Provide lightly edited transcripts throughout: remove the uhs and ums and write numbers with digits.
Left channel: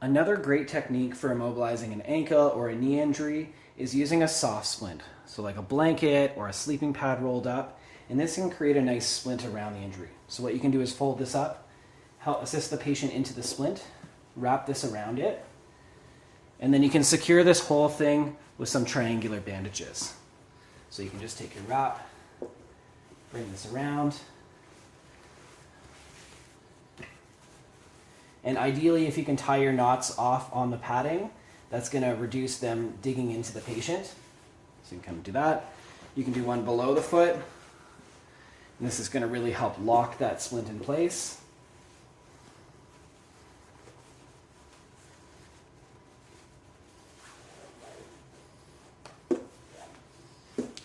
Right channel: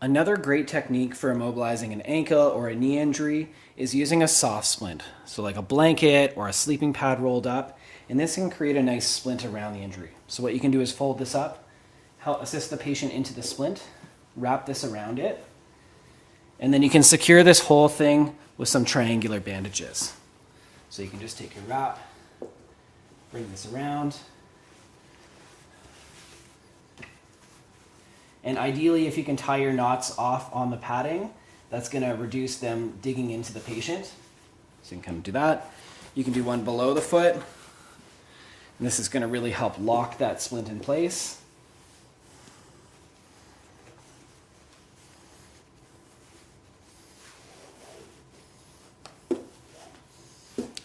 Another great technique for immobilizing an ankle or a knee injury is using a soft splint. So like a blanket or a sleeping pad rolled up, and this can create a nice splint around the injury. So what you can do is fold this up, help assist the patient into the splint, wrap this around it, and then you can secure this whole thing with some triangular bandages. So you can just take your wrap, bring this around, and ideally, if you can tie your knots off on the padding, that's going to reduce them digging into the patient. So you can kind of do that. You can do one below the foot. And this is going to really help lock that splint in place.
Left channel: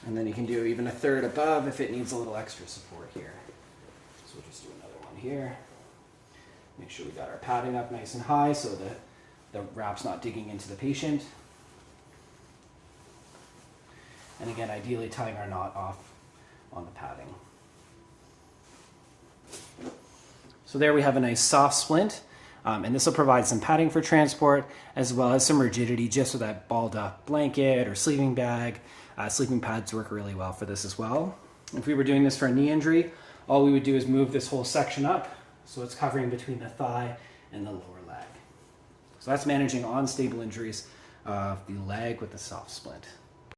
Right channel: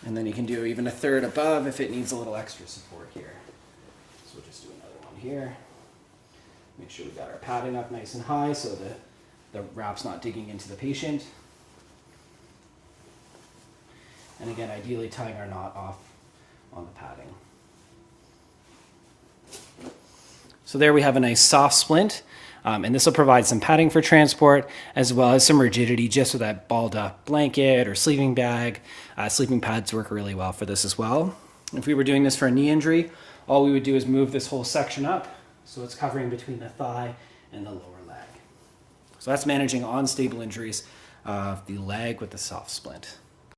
And then you can do even a third above if it needs a little extra support here. So we'll just do another one here. Make sure we got our padding up nice and high so that the wrap's not digging into the patient. And again, ideally tying our knot off on the padding. So there we have a nice soft splint. And this will provide some padding for transport as well as some rigidity just with that balled up blanket or sleeping bag. Sleeping pads work really well for this as well. If we were doing this for a knee injury, all we would do is move this whole section up so it's covering between the thigh and the lower leg. So that's managing unstable injuries of the leg with the soft splint.